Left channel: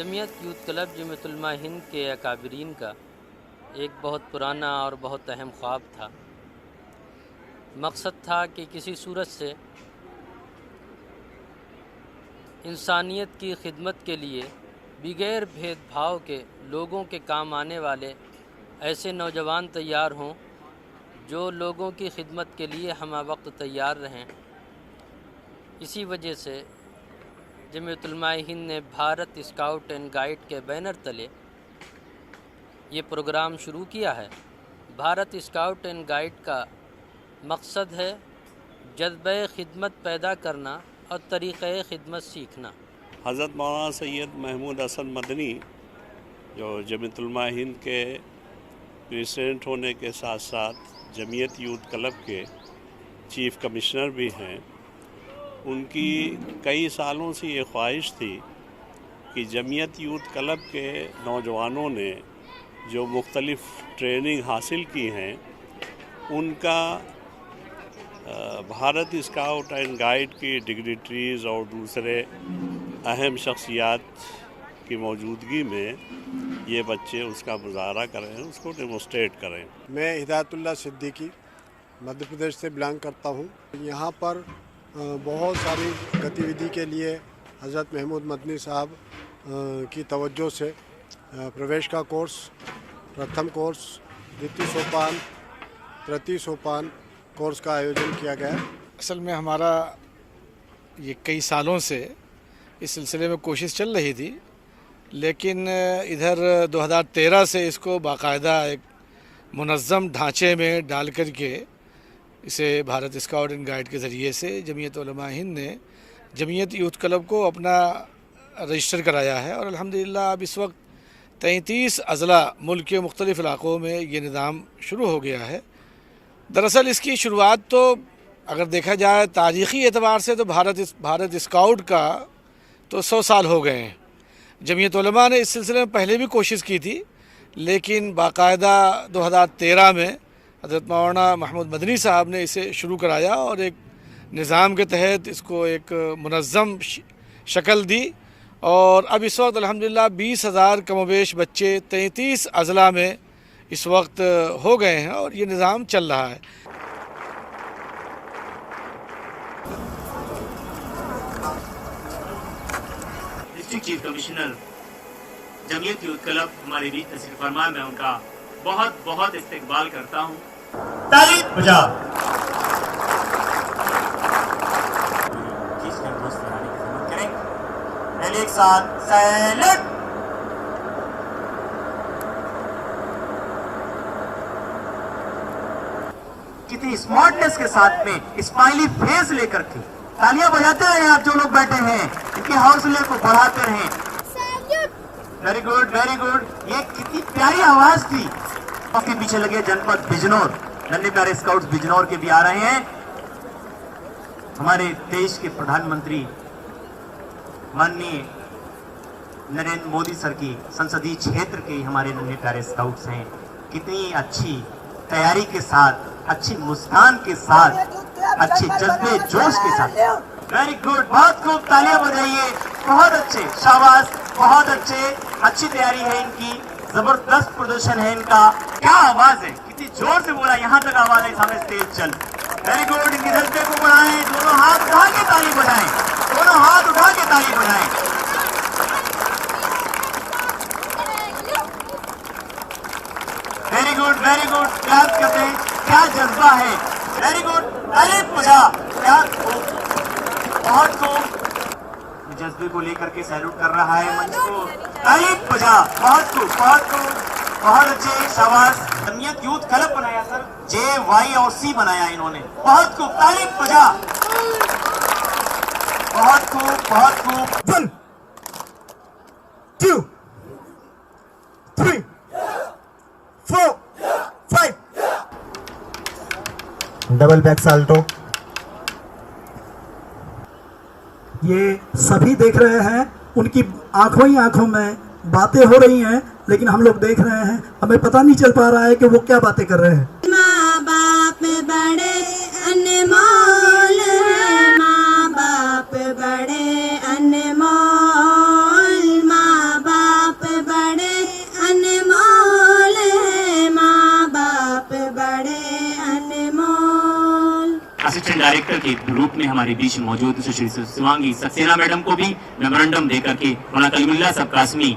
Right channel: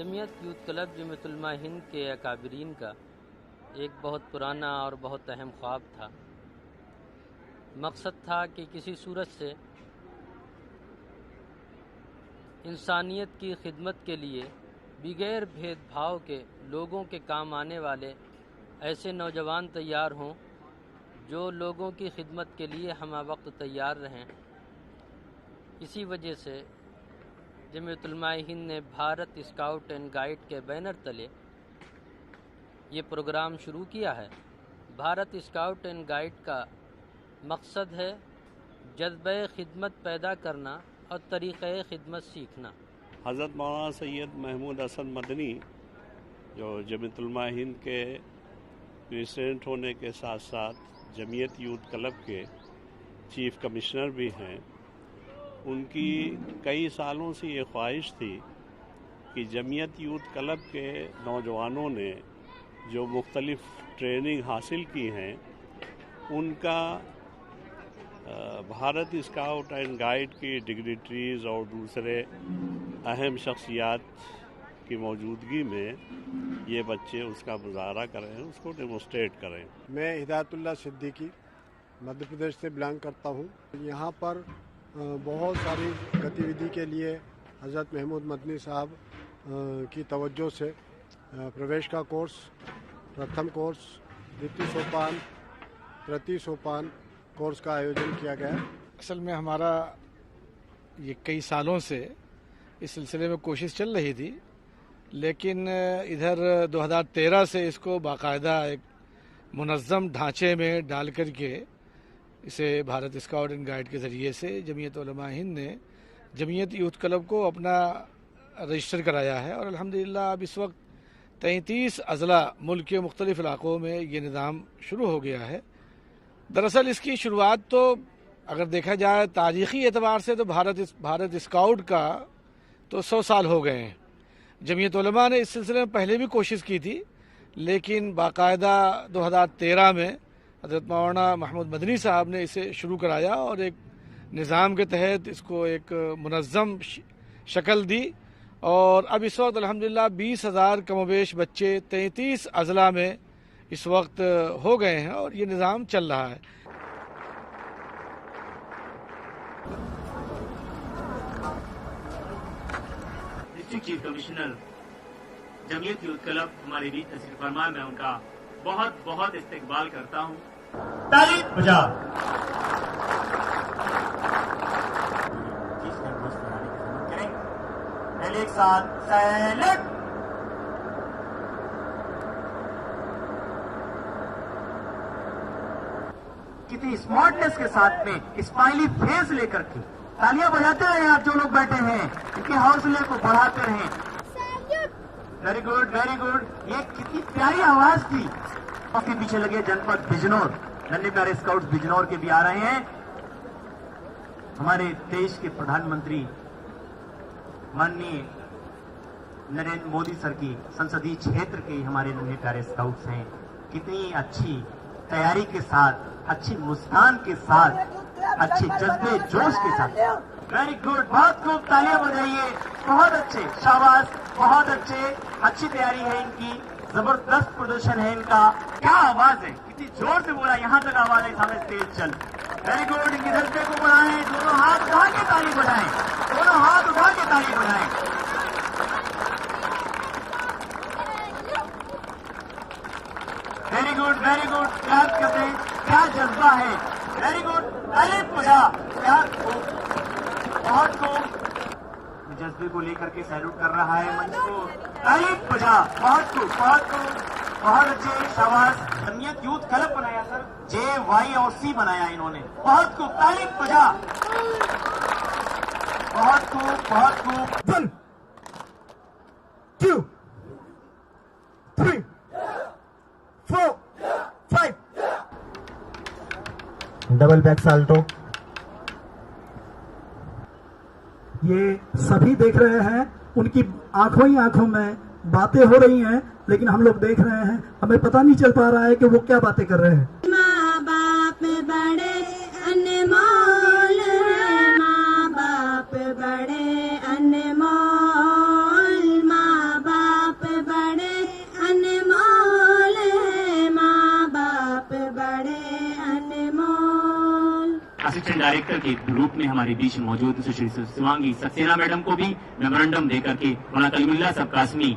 Jamiat youth club Jamiat Ulama Hind के अकाबरीन का एक बहुत पुराना और बहुत अहम ख्वाब था। मकसद था कि किसी सूरत से इंसानियत की खिदमत के लिए बगैर भेदभाव के लोगों के काम आने वाले ऐसे नौजवान तैयार हों जो लोगों की खिदमत के लिए हम वक्त तैयार रहें। इसी वजह से जमीयत उलमा हिंद ने भारत स्काउट एंड गाइड के बैनर तले ये प्रोग्राम शुरू किया है। भारत स्काउट एंड गाइड का मकसद है जज्बे खिदमत पैदा करना और तरीक़े खिदमत सीखना। हज़रत मौलाना सैयद महमूद हसन मदनी जो जमीयत उलमा हिंद के प्रेसिडेंट होने के साथ साथ जमीयत यूथ क्लब के चीफ़ कमिश्नर भी हैं, उनकी कई सालों से ये ख्वाहिश थी कि जमीयत यूथ क्लब के नौजवानों ने जो मुख्तलिफ़ ट्रेनिंग हासिल की हैं उनका भारत स्काउट एंड गाइड की डिग्निटरीज़ और दूसरे अहम शख्सियात की मौजूदगी में ये बच्चे उसका मुजाहरा करें, उसको डेमोस्ट्रेट करें। मैं हिदायतुल्लाह सिद्दीकी मध्य प्रदेश से बिलोंग करता हूँ। यहाँ पर बहुत सारी गतिविधि के लिए हज़रत महमूद मदनी साहब की तवज्जो से प्रवेश का कोर्स, प्रथम कोर्स, द्वितीय सोपान, तृतीय सोपान कोर्स का आयोजन किया गया। असल में हमारा ये कई सालों से इस सिलसिले में कोशिश चल रही थी, लेकिन इधर 2013 से इसको बाकायदा एक मुनज़्ज़म ढांचे में डाल कर के इसे भारत स्काउट एंड गाइड के ज़रिए से जमीयत उलमा हिंद ने जमीयत यूथ क्लब को अपना रजिस्टर कराया है और अल्हम्दुलिल्लाह अब इस वक्त 33 अज़ला मुल्क के मुख्तलिफ़ इलाक़ों में ये निज़ाम शुरू हो गया है। दरअसल इसकी शुरुआत तो अगर देखा जाए तारीख़ी एतबार से तो भारत स्काउट का तो 100 साल हो गए हैं। जमीयत उलमा ने इस सिलसिले में पहले भी कोशिश की थी, लेकिन बाकायदा 2013 में हज़रत मौलाना महमूद मदनी साहब ने इसे शुरू कराया और एक निज़ाम के तहत इसको एक मुनज़्ज़म शक्ल दी और अब इस वक्त अल्हम्दुलिल्लाह 20,000 कमोबेश बच्चे 33 अज़ला में इस वक्त हो गए हैं और ये निज़ाम चल रहा है। District chief commissioner Jamiat youth club हमारे बीच तशरीफ फरमा, मैं उनका बहुत बहुत इस्तकबाल करता हूँ। ताली बजाओ। पहले एक साथ सैल्यूट। कितनी स्मार्टनेस के साथ में स्माइली फेस लेकर के तालियां बजाते रहे आप जो लोग बैठे हैं, इनके हौसले को बढ़ाते रहे। Very good, very good. ये कितनी प्यारी आवाज थी। उसके पीछे लगे जनपद बिजनौर, नन्हे प्यारे स्काउट्स बिजनौर के भी आ रहे हैं। हमारे देश के प्रधानमंत्री माननीय नरेंद्र मोदी सर की संसदीय क्षेत्र के हमारे नन्हे प्यारे स्काउट्स हैं। कितनी अच्छी तैयारी के साथ, अच्छी मुस्कान के साथ, अच्छे जज्बे जोश के साथ। वेरी गुड, बहुत खूब, तालियां बजाइए। बहुत अच्छे, शाबाश, बहुत अच्छे। अच्छी तैयारी है इनकी, जबरदस्त प्रदर्शन है इनका। क्या आवाज है, कितनी जोर से बोला, यहाँ तक आवाज है, सामने स्टेज चल। वेरी गुड, इनके जज्बे को बढ़ाएं, दोनों हाथ उठा के ताली बजाएं, दोनों हाथ उठा के ताली बजाएं। Very good, very good, clap करते हैं, क्या जज्बा है। वेरी गुड, ताली बजा, क्या बहुत खूब। जज्बे को लेकर के सैल्यूट कर रहा है मंच को, ताली बजा, बहुत खूब, बहुत खूब, बहुत अच्छे, शाबाश। जमीयत यूथ क्लब बनाया सर, JY और C बनाया इन्होंने, बहुत खूब, ताली बजा, बहुत खूब, बहुत खूब। 1 2 3 4 5 डबल बैक साल्टो। ये सभी देख रहे हैं, उनकी आंखों ही आंखों में बातें हो रही हैं, लेकिन हम लोग देख रहे हैं, हमें पता नहीं चल पा रहा है कि वो क्या बातें कर रहे हैं। माँ बाप बड़े अनमोल हैं, माँ बाप बड़े अनमोल, माँ बाप डायरेक्टर के रूप में हमारे बीच मौजूद सुश्री शिवांगी सक्सेना मैडम को भी मेमोरेंडम देकर के मौलाना कलीमुल्लाह साहब कासमी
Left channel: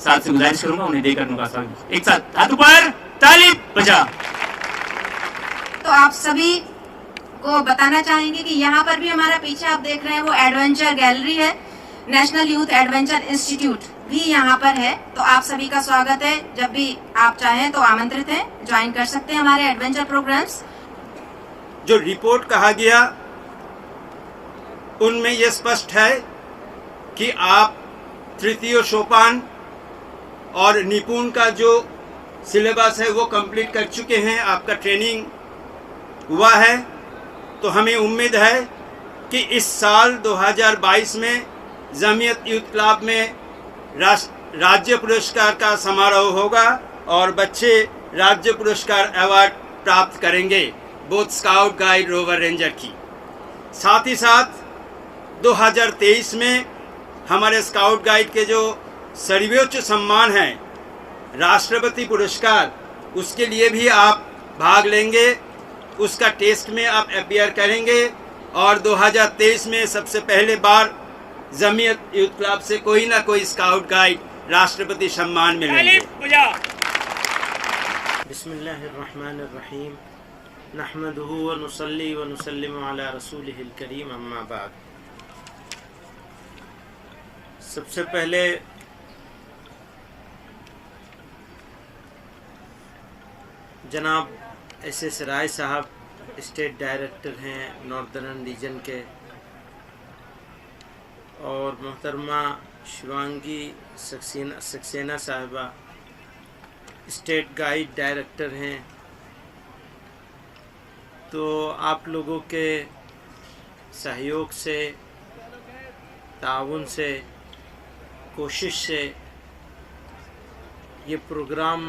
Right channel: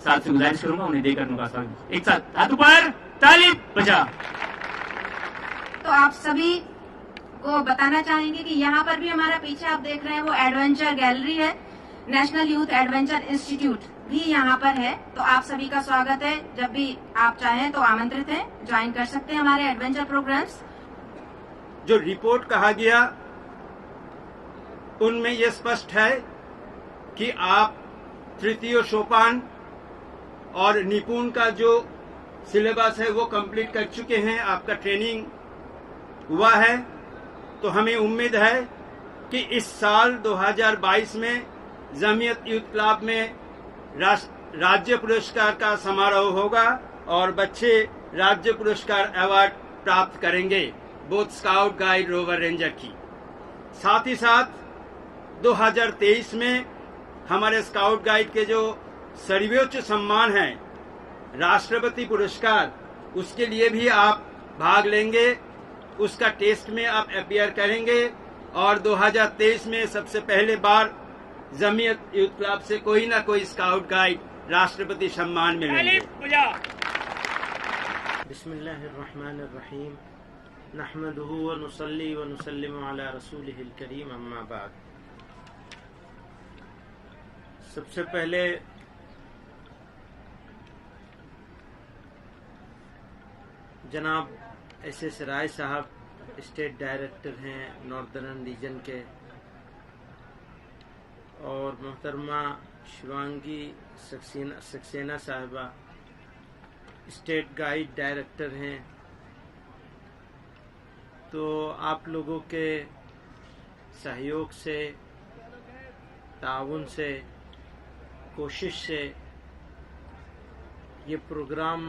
साथ से गुजारिश करूंगा उन्हें देकर उनका स्वागत। एक साथ हाथ ऊपर, ताली बजा। तो आप सभी को बताना चाहेंगे कि यहाँ पर भी हमारा पीछे आप देख रहे हैं वो एडवेंचर गैलरी है, नेशनल यूथ एडवेंचर इंस्टीट्यूट भी यहाँ पर है। तो आप सभी का स्वागत है, जब भी आप चाहें तो आमंत्रित हैं, ज्वाइन कर सकते हैं हमारे एडवेंचर प्रोग्राम्स। जो रिपोर्ट कहा गया उनमें यह स्पष्ट है कि आप तृतीय सोपान और निपुण का जो सिलेबस है वो कंप्लीट कर चुके हैं, आपका ट्रेनिंग हुआ है। तो हमें उम्मीद है कि इस साल 2022 में जमीयत यूथ क्लब में राज्य पुरस्कार का समारोह होगा और बच्चे राज्य पुरस्कार अवार्ड प्राप्त करेंगे, both scout guide rover ranger की। साथ ही साथ 2023 में हमारे स्काउट गाइड के जो सर्वोच्च सम्मान है राष्ट्रपति पुरस्कार, उसके लिए भी आप भाग लेंगे, उसका टेस्ट में आप अपीयर करेंगे और 2023 में सबसे पहले बार जमीयत यूथ क्लब से कोई ना कोई स्काउट गाइड राष्ट्रपति सम्मान मिलेंगे। बिस्मिल्लाहिर्रहमानिर्रहीम, नहमदुहु व नुसल्ली व नुसल्लिमु अला रसूलिहिल करीम, अम्मा बाद। सबसे पहले जनाब एस राय साहब स्टेट डायरेक्टर हैं नॉर्दर्न रीजन के, और मोहतरमा शिवांगी सक्सेना साहिबा स्टेट गाइड डायरेक्टर हैं। तो आप लोगों के सहयोग से, ताउन से, कोशिश से ये प्रोग्राम,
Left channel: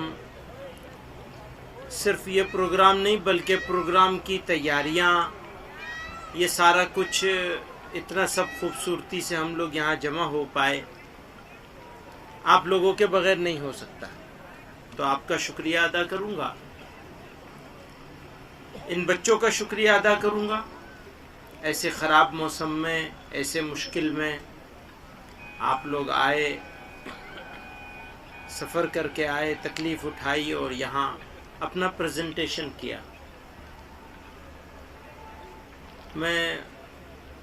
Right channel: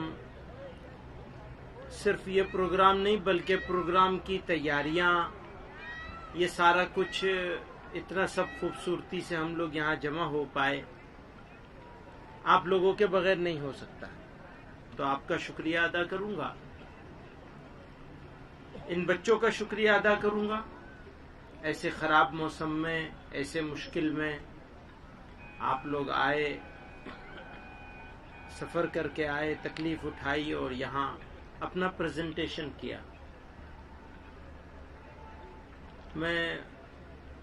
सिर्फ ये प्रोग्राम नहीं बल्कि प्रोग्राम की तैयारियां, ये सारा कुछ इतना सब खूबसूरती से हम लोग यहाँ जमा हो पाए, आप लोगों के बगैर नहीं हो सकता। तो आपका शुक्रिया अदा करूँगा, इन बच्चों का शुक्रिया अदा करूँगा। ऐसे ख़राब मौसम में, ऐसे मुश्किल में आप लोग आए, सफ़र करके आए, तकलीफ़ उठाई और यहाँ अपना प्रेजेंटेशन किया। मैं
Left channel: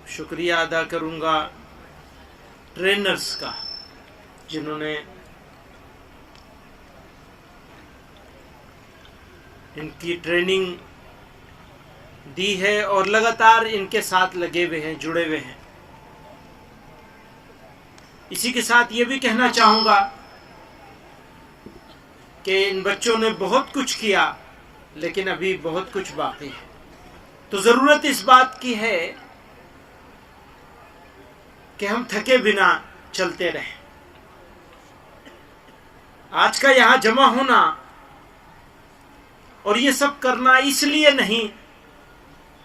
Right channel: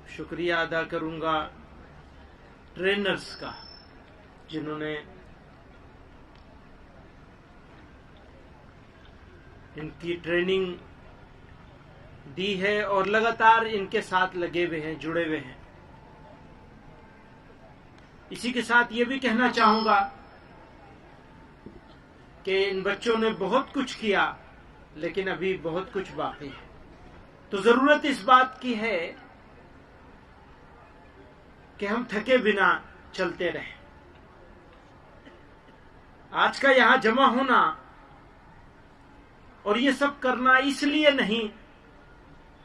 शुक्रिया अदा करूँगा ट्रेनर्स का, जिन्होंने इनकी ट्रेनिंग दी है और लगातार इनके साथ लगे हुए हैं, जुड़े हुए हैं। इसी के साथ ये भी कहना चाहूँगा कि इन बच्चों ने बहुत कुछ किया, लेकिन अभी बहुत कुछ बाकी है। तो ज़रूरत इस बात की है कि हम थके बिना चलते रहें। आज का यहाँ जमा होना और ये सब करना इसलिए नहीं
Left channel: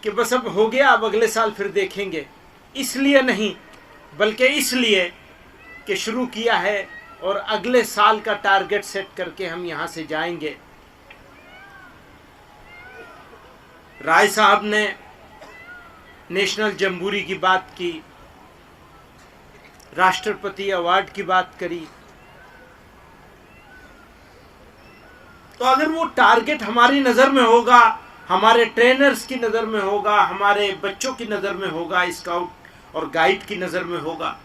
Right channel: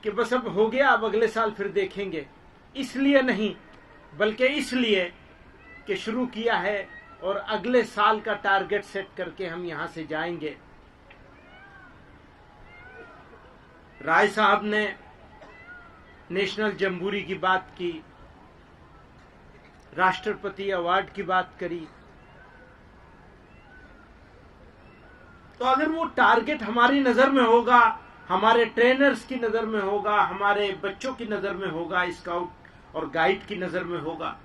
कि बस अब हो गया, अब अगले साल फिर देखेंगे, इसलिए नहीं, बल्कि इसलिए कि शुरू किया है और अगले साल का टारगेट सेट करके हम यहाँ से जाएंगे। राय साहब ने नेशनल जम्बूरी की बात की, राष्ट्रपति अवार्ड की बात करी। तो अगर वो टारगेट हमारी नज़र में होगा, हमारे ट्रेनर्स की नज़र में होगा, हमारे बच्चों की नज़र में होगा, स्काउट और गाइड की नज़र में होगा,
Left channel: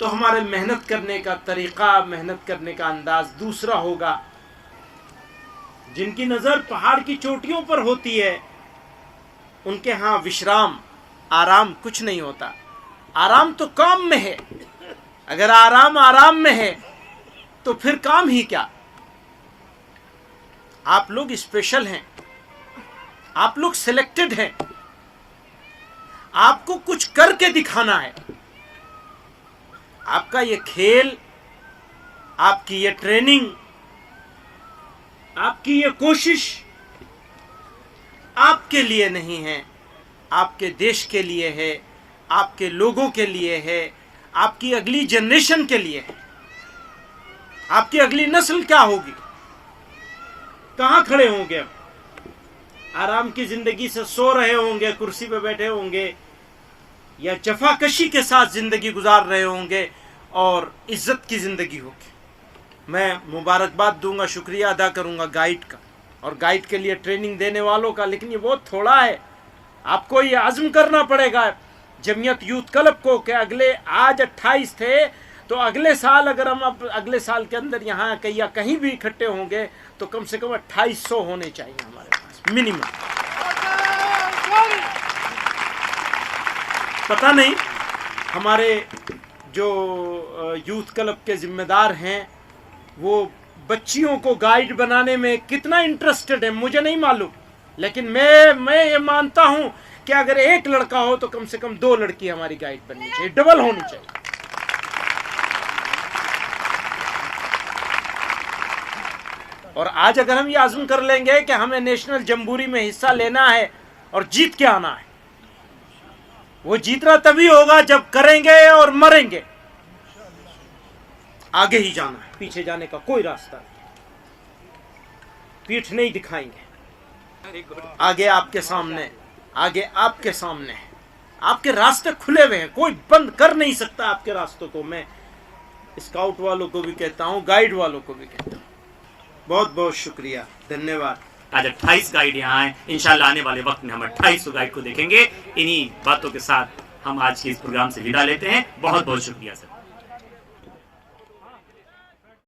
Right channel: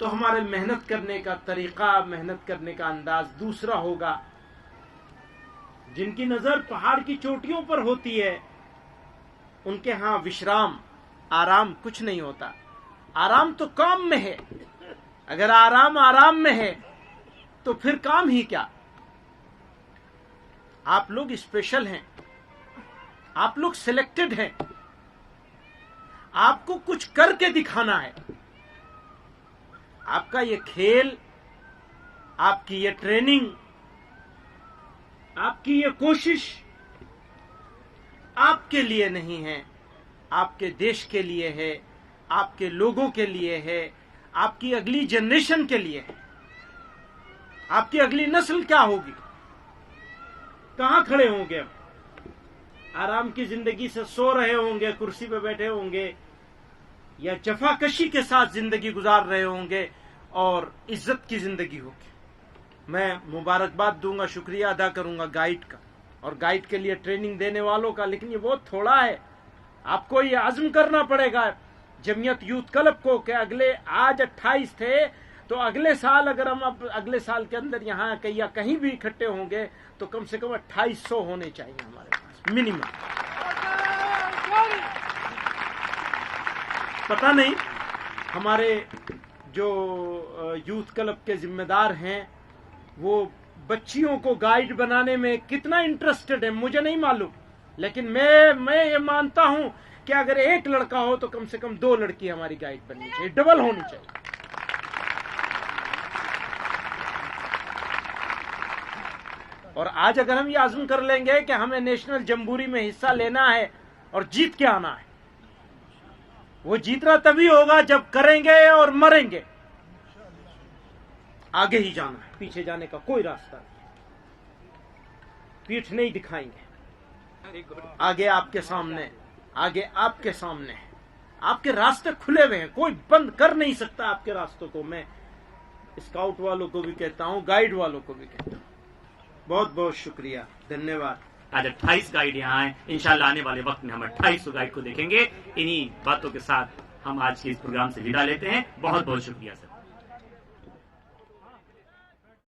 तो हमारे मेहनत करने का तरीक़ा, मेहनत करने का अंदाज दूसरा होगा। जिनकी नज़र पहाड़ की चोटियों पर होती है, उनके यहाँ विश्राम, आराम कुछ नहीं होता। आराम तो काम में है। अगर आराम में है तो फिर काम ही क्या। आप लोग स्पेशल हैं, आप लोग सिलेक्टेड हैं, आपको कुछ करके दिखाना है। आपका ये खेल, आपकी ये ट्रेनिंग, आपकी ये कोशिश आपके लिए नहीं है, आपके देश के लिए है, आपके लोगों के लिए है, आपकी अगली जनरेशन के लिए है। आपकी अगली नस्ल क्या होगी, कहाँ खड़े होंगे हम। आराम की जिंदगी से सो रहे होंगे, कुर्सी पे बैठे होंगे, या जफाकशी के साथ जिंदगी गुजार रहे होंगे और इज्जत की जिंदगी होगी। मैं मुबारकबाद दूंगा, शुक्रिया अदा करूंगा गाइड का और गाइड के लिए ट्रेनिंग देने वालों का। लेकिन ये बहुत थोड़ा है, आपको ये आज़म करना पड़ेगा जमीयत यूथ क्लब को कि अगले, आज 28 थे, तो अगले साल अगर हम अब अगले साल के अंदर यहाँ या कहीं भी इकट्ठे होंगे तो कम से कम 2800 होने चाहिए हमारे पास मिनिमम। पता नहीं हमारे जो यूथ क्लब के जिम्मेदार हैं वो बच्चियों को गाइड बनाने में कितना इंटरेस्टेड है, मुझे नहीं मालूम। लेकिन मैं ये मानता हूं कि अगर एक लड़का हो तो कम से कम 2 लड़की हमारी गाइड बननी चाहिए, डबल होनी चाहिए। और आज अगर हम ये आज़म कर लेंगे कि हमें नेशनल जम्बूरी में हिस्सा लेना है और जीत के आना है, वो जीतना तभी होगा जब करेंगे और मरेंगे। आगे ही जाना है, पीछे जाने का कोई रास्ता नहीं, पीठ नहीं दिखाएंगे। आगे आपके सामने, आगे आपके सामने आपके रास्ते खुले हुए हैं, कोई बंद कर नहीं सकता आपके रास्तों को। मैं स्काउट वालों को भी कहता हूं, गाइड वालों को भी कहता हूं, बहुत बहुत शुक्रिया, धन्यवाद। आज 28 गाइड यहाँ हैं, इंशाल्लाह आने वाले वक्त में हम 2800 गाइड को देखेंगे। इन्हीं बातों के साथ हम आज के इस प्रोग्राम से विदा लेते हैं। बहुत बहुत शुक्रिया सर।